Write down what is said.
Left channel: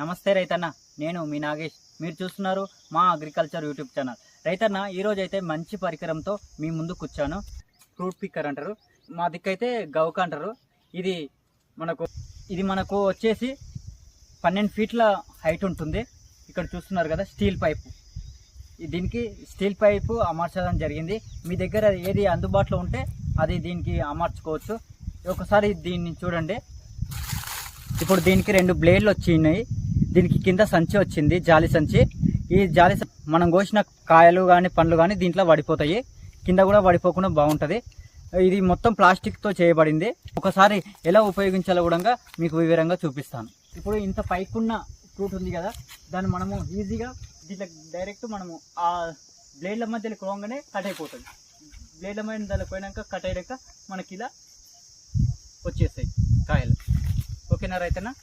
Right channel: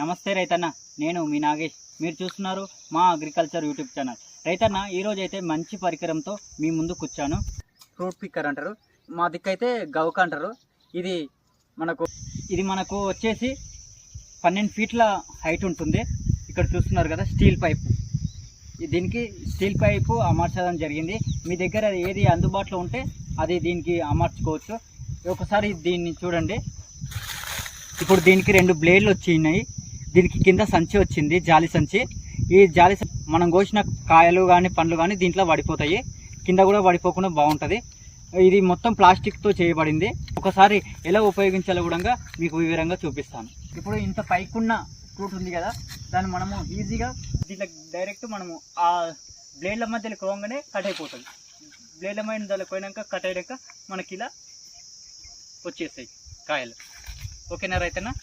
నమస్తే రైతన్న, నేను మీ నాగేష్. మీరు చూస్తున్నారు మా అగ్రికల్చర్ యూట్యూబ్ ఛానల్. రైతన్న, ఈరోజు అయితే మంచి పరికరంతో మీ ముందుకు వచ్చాను. ఫ్రూట్ పిక్కర్ అంటారు, మా దిక్కైతే గౌక అంటారు. ఇది మనకు వచ్చేసి 12 ఫీట్ల హైట్ ఉంటుంది. ఇక్కడ చూస్తున్నారు కదా, స్టీల్ పైపు. దీనికి స్టీల్ పైపు అమర్చడం జరిగింది. మీ దగ్గర ఏది అందుబాటులో ఉంటే అది దీనికి అమర్చుకోవచ్చు. ఒకసారి దీన్ని చూడండి. ఇప్పుడు దీనికి 2 బ్లేడ్లు వచ్చినాయి. దీనికి కింద సంచి వచ్చింది, జాలి సంచి. ఈ జాలి మనం కోసిన కాయలు కానీ పండ్లు కానీ దీంట్లో పడిపోతాయి, కింద కూడా పడిపోకుండా బాగుంటుంది. ఇది మొత్తం ప్లాస్టిక్తో చేయబడింది. ఒకసారి ఎలా ఉపయోగించాలో కూడా మీకు వివరంగా చూపిస్తాను. ఇప్పుడు ఇంత పైకున్న ఫ్రూట్ ఉంది కదా, దాన్ని మనము ఈజీగా దీంట్లో డైరెక్ట్ మనము ఆ బ్లేడ్ల మధ్యలో కోగానే కట్ అయిపోతుంది. బ్లేడ్ల మధ్యలో పోయినాక కట్ అయ్యాక మనకి ఇలా వచ్చేస్తాయి కాయలు. ఓకేనా రైతన్నా?